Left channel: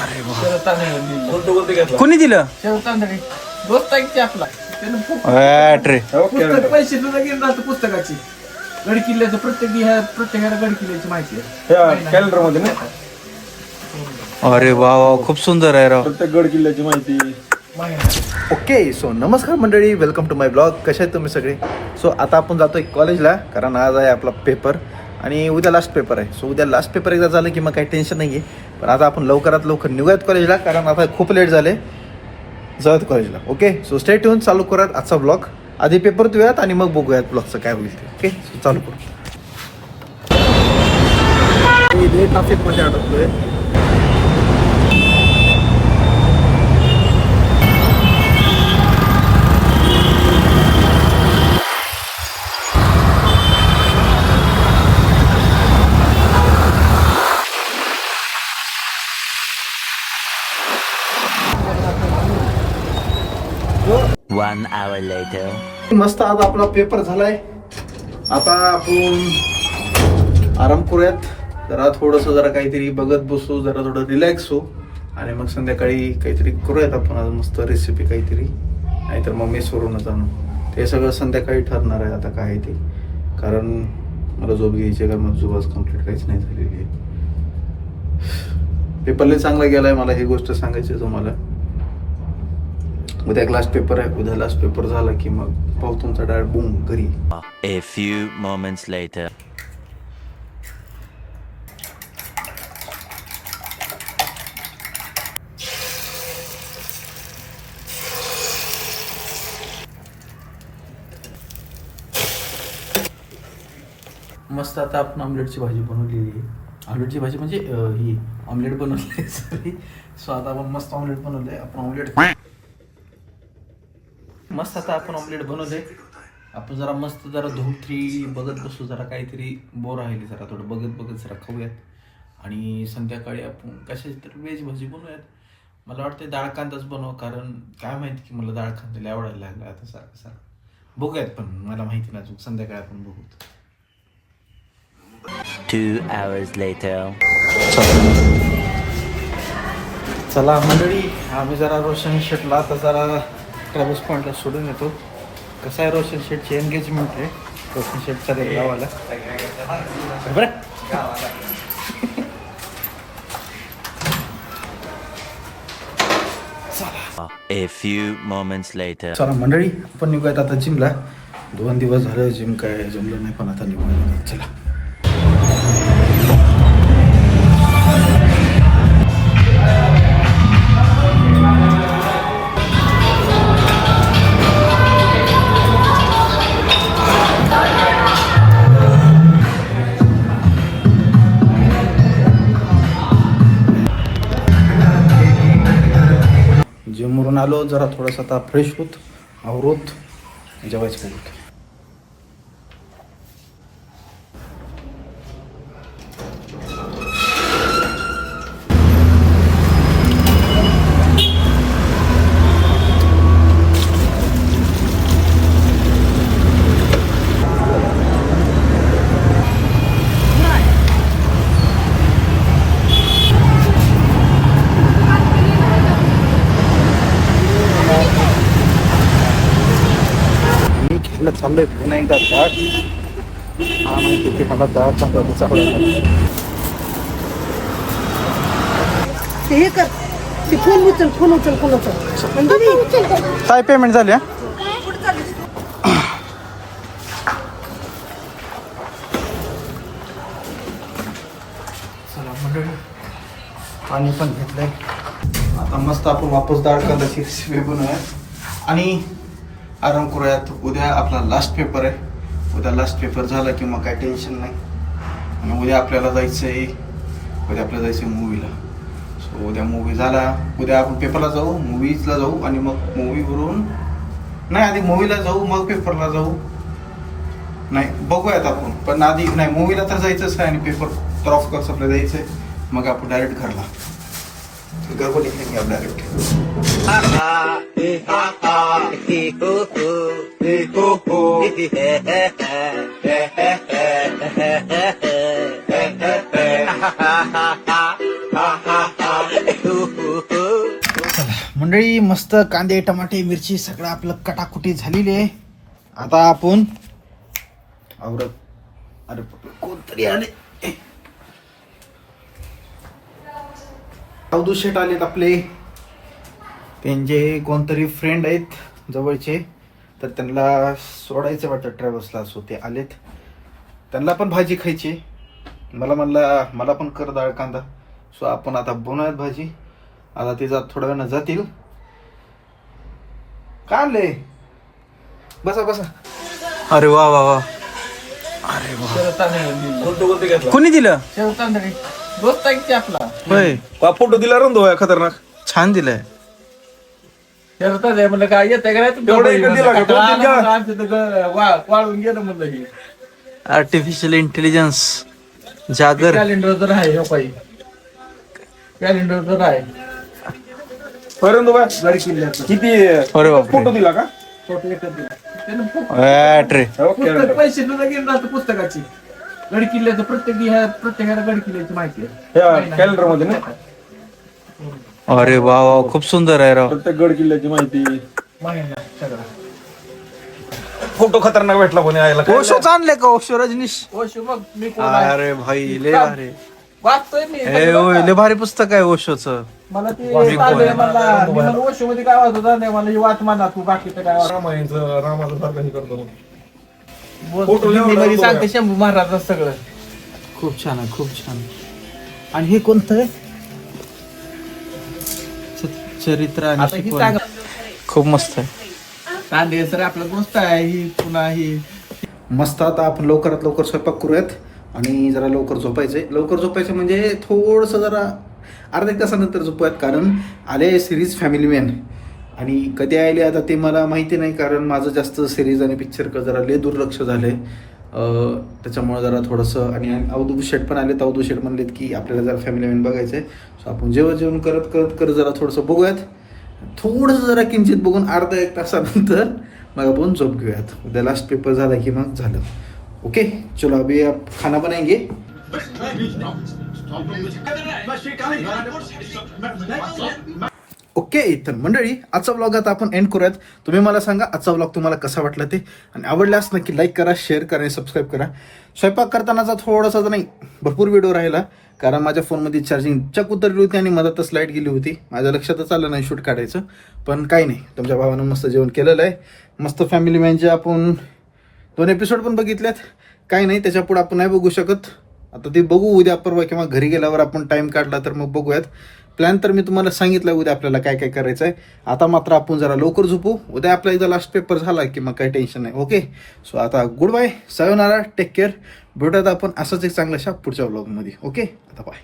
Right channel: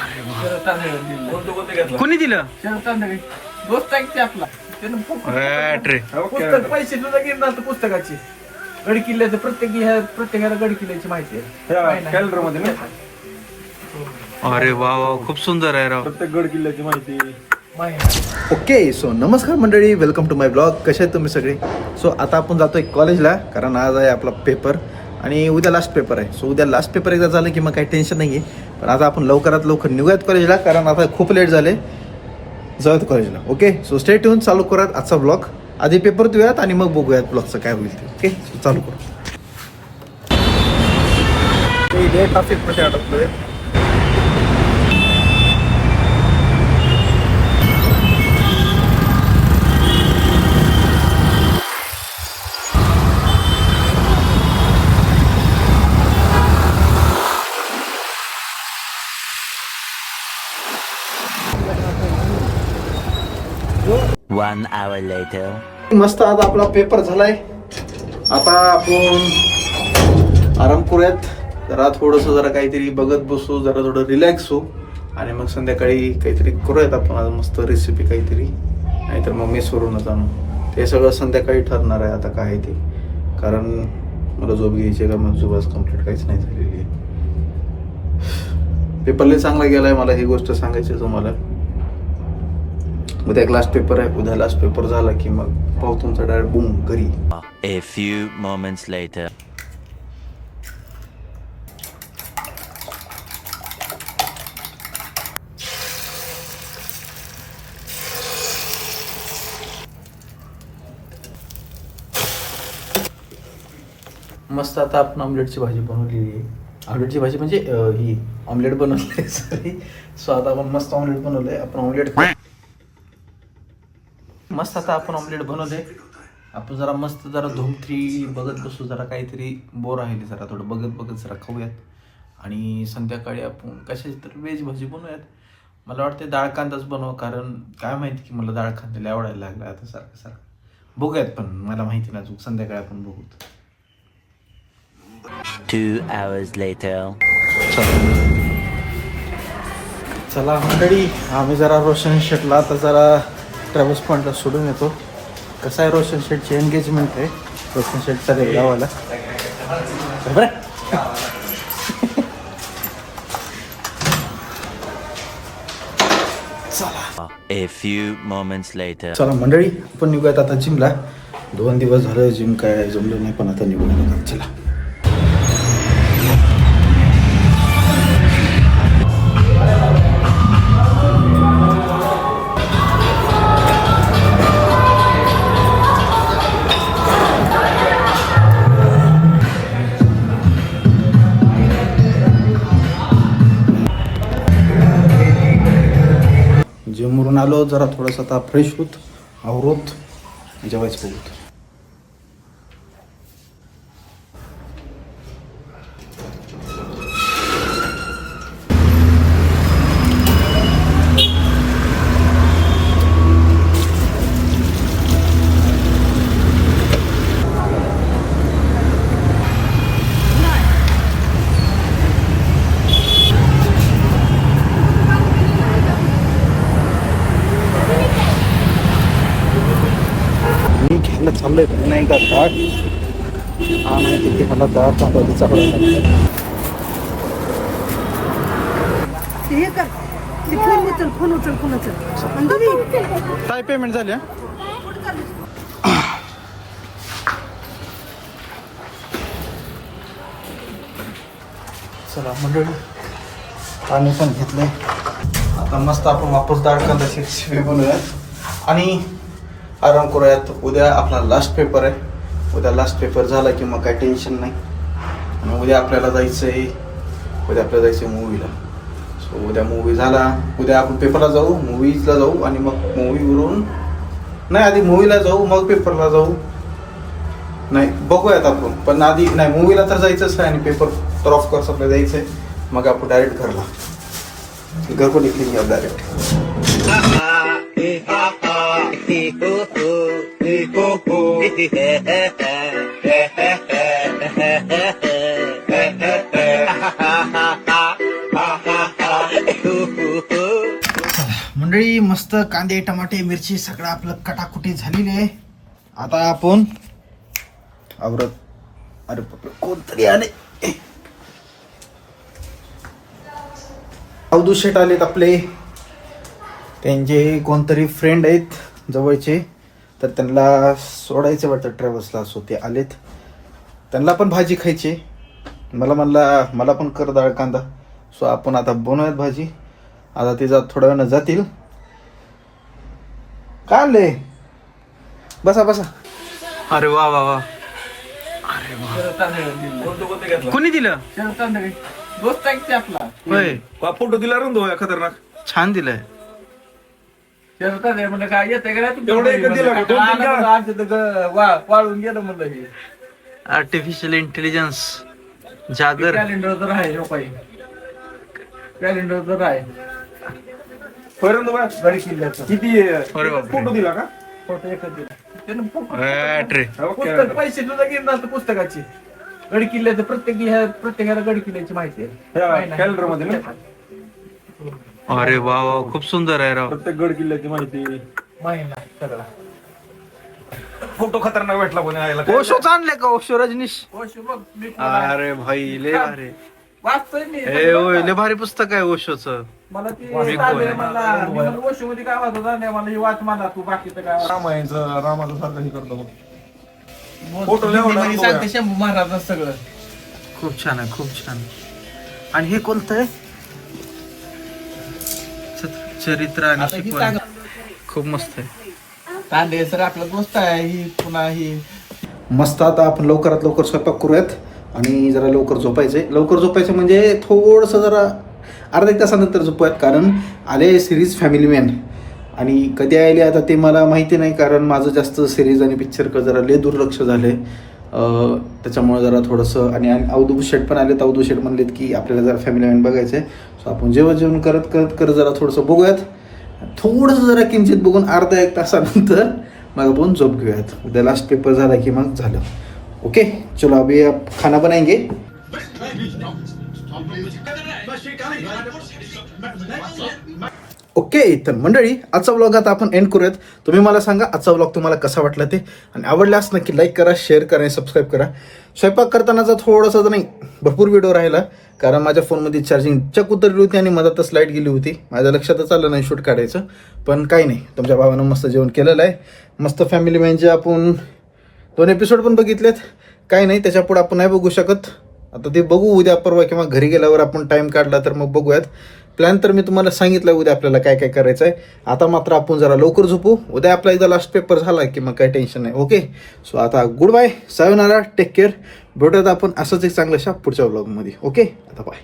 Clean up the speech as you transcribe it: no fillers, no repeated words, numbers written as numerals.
अरे वा. शरद तांदळे दिलं. कोणी दिलं? शरद तांदळे दोस्त आहे की आपला त्यानं रे पुस्तक पैसे तुझा घेऊन राहतो पुस्तकाची. गड किल्ल्याचं प्रत्येकाला गड किल्ल्याची माहिती आहे. कॅलेंडर मध्ये ना अरे वा वा, खूप सुंदर आहे राव. प्रत्येक गड किल्ल्याची माहिती. ओके सो नमस्कार मंडळी, वेलकम टू माय ब्लॉग. कसे आहेत तुम्ही सगळे? सो आता आपण जातोय कॉलेजला, कारण आज आहे आपला पेपर आणि उद्या लास्ट पेपर आहे. सो उद्या लास्ट पेपर एकदा झालं की मग काही टेन्शन नाही आहे. पण आता आपण लवकरात लवकर निघूयात कॉलेजला, कारण आता खूप लेट झाले. जाऊयात कॉलेजला. ओके सो स्टे ट्यून, चालू करूयात आजचा ब्लॉग. आधी पेपर देऊयात आणि मग बघूयात ब्लॉगचं काय होईल ते. ओके सो चालू करू. मी ट्रॅफिकमध्ये अडकलोय. One hour later. मस्त आता आपला पेपर झालाय. आता आपण आराम करूयात जरा, थोडंसं जरा काहीतरी बघत बसू, जरा थोडं रिलॅक्स होऊ आणि मग संध्याकाळी काहीतरी करूयात आपण आज मस्त रेसिपी काहीतरी, नाहीतर मग मेसवरूनच आणू. ते सगळं संध्याकाळी ठरणार आहे आता काय ते, कारण मला झोप घ्यायची आहे. का मग झोप आज कम्प्लीट काहीच नाही झालेली आहे. पेपरला चांगला गेलाय, मला ही गोष्ट सांगायची आहे तुम्हाला. उद्या लास्ट पेपर आहे. उद्या लास्ट पेपर झाला की मग पाहू तुमचा डायरेक्ट बूम घरी. A few moments later. मस्त आता आपण ऑमलेटची भाजी बनवलेली आहे. ऑमलेटची भाजी म्हणजे ही ऑमलेट बनवली सॉरी. सो आता आपण मस्त ऑमलेट बनवलंय. आपण ऑमलेट मस्त आता आपण ऑमलेट बनवलंय. आपण जरा मस्त जरा धूम-3 बघत बसू, जरा काहीतरी बोर राहिले, जरा थोडं बघत जरा खाऊयात. आणि संध्याकाळी आपण कशाची तर व्हेज भाजी बनवूयात. मला वाटतं डाळ कांदाच बनव, कारण काय माहिती की मला डाळ कांद्याला आवडायला लागला आता सारखं बघूयात. पण मला माहिती नाही, संध्याकाळी आपण बघू. 2 hours later. चला मंडळी, आम्ही जरा रोशन शेटला आता जरा ट्रॅव्हल्स पॉईंटला सोडून येतो. कसं आहे, रोशन शेटची एंगेजमेंट आहे. रोशन शेटचा गावाला बरं. A few moments later. चला मंडळी, आपण निघूयात आता जिमला. 2 दिवस झालं जिम काय जमलं नाही, पण आता निघूया. चला. जिमवरून आलो, जरा थोडंसं आता फ्रेश होत आवरोत जेवायचं बघूत. चाललंय पुन्हा एकदा डाळ. हा माहिती की मला डाळ चांगला हे कर, ते फोन उचल. काय पेमेंट झाली? चला मंडळी, पाणी पण घेतलंय. आता मस्त आपण वापस डाळ कांद्याची रेसिपी बनवूयात आणि आराम करूयात. उद्या आपला लास्ट पेपर आहे. उद्या लास्ट पेपर झाला की मग काही टेन्शन नाही. आणि उद्या आपल्याला जायचं आहे मूवीला. सो उद्या मूवी झाला, उद्या आपण पेपरला जाऊ, मूवीजला जाऊ आणि मग मूवीवरून नाही, आधी मूवीला जाऊ मग पेपरला जाऊ. नाही बघूयात आपण, पण आधी नाही, मूवीला तर जायचंच आहे आणि पेपर तर ऑफकोर्स आपल्याला द्यायचं आहे. मग आपण डायरेक्ट घरला घर को निकलेंगे आप डायरेक्ट. मंडळी मस्त कांदे टमाटे मिरची सगळं आपलं कटाकुटी झालेली आहे. आता आपण आवरत अरे बापरे, कोणतरी आले. अवधू शेट आलेत आपले, त्यांचे कोणतरी फ्रेंड आहेत जवळचे, तर त्यांना सोडायचं वाटतं ट्रॅव्हल्सला. सो ते आलेत, त्यांना पण भाजी खायची. म्हणला मला पण कर डाळ कांदा. सो आपण आता बनवूयात भाजी. आता ते थोड्या वेळानं जातील. काय आले, बसा बसा. अरे वा वा वा. अरे वा. शरद तांदळे कोणी दिलं? शरद तांदळे दोस्त आहे की आपला होय, फोटो दिला रंदो खतरनाक. छान दिलंय. शरद तांदळे म्हणलं काय येते का वाळून गेलं म्हणलं हे आर्टिफिशियल इंटेलिजन्स जागर. कॅलेंडर तर आहे हो काही कॅलेंडर तर आहे गड किल्ल्याचं. किती अरे बापरे. फोटो दिला का? फोटो एकच दिला. त्यानं बॅटरी. पुस्तक पैसे सुद्धा घेऊन राहतो पुस्तकाची. गड किल्ल्याचं प्रत्येकाला गड किल्ल्याची माहिती आहे. कॅलेंडर मध्ये ना अरे वा वा, खूप सुंदर आहे राव. प्रत्येक गड किल्ल्याची माहिती. महिना सगळा फोटो खतरनाक भेटला कोणी यायला. ओशोच आणले का? ओशो रजनीश. ओशो बघ मी कोण आहे? अरे भाई लय भारी. वाचतोय मी ए होय, लय भारी पुस्तक आहे ओशोच. मला ते तांदळे म्हणला मी म्हणलं ओशो मध्ये काय वाचत नाही मला हे वाच म्हणा तू बाकीचं काय वाच. रामाचं सारखं हे करतो. हिंदीमध्ये सांगते शंभू महाराज सगळं. खूप छान आहे, खूप छान. आणि हे कोणतं आहे? चरित्र आणि आता ही शिकवण. सांग खूप मस्त आहे. तांदळे सर आपलं दोस्त आहे ही पुन्हा ही मस्त. आता आपण लवकरात लवकर स्वयंपाक करूयात आणि जरा लवकर झोपायचंय. लवकर झोपायचं म्हणजे थोडंसं जरा अर्धा एक तासानंतर झोपूयात, कारण आले सिरीज फॅमिली मॅन. आणि कधी आले आता ते मला माहिती नाही, कारण माझं जास्त सिरीज आणि पिक्चरकडे जरा लय दुर्लक्ष झाले. त्याच्यामुळे जरा थोडंसं. आणि अवधू शेट पण आलेत. अवधू शेट म्हणलेत की आपल्याला जरा फॅमिली मॅन बघायचं आहे. सो आपण जेवण करत करत करत जरा थोडंसं बघूयात. थोडंसं जरा किंचित बघून अर्धा एक तासानंतर मग आपण झोप घेऊयात. उद्या लास्ट पेपर झाला की मग झालं. ओके चलो अभी आप खाना बनाएंगे. ओके तर मंडळी आजचा व्लॉग आता आपण एंड करूयात. तुम्ही मला सांगा आजचा व्लॉग तुम्हाला कसा वाटला ते, आणि आवडल्यास नक्की लाईक करा, शेअर करा आणि सबस्क्राईब करा. स्वयंपाक करतानाचा थोडासा नाही भरपूर व्हिडिओ राहिला, कारण माझ्या फोनमध्ये चार्जिंग चक उतरली होती आणि मधातच लाईट गेली होती. माझ्या लक्षातच आलं नाही शूट काढायचं. पण काही नाही, तुमच्या भावानं मस्त जेवण केलेलं आहे. मस्त फॅमिली मॅनचे आपण 2 एपिसोड पण बघितलेत. काही नाही, त्याच्यापुढे आपण नाही बघू शकत. आता ते बघू उद्या परवा किंवा घरी गेल्यावर आपण टाइम काढला तर मग बघूयात. प्लॅन तर मी तुम्हाला सांगितलं उद्या आपल्याला काय काय करायचं आहे. आता मात्र आपण जरा लवकर झोपू. उद्या आपला एकदा लास्ट पेपर झाला की मग काही टेन्शन नाही. ओके सो आता गुड बाय, सायोनारा, टेक केअर. भेटूयात आपण असंच एक चांगल्याशा पुढच्या व्लॉगमध्ये. ओके आता बाय.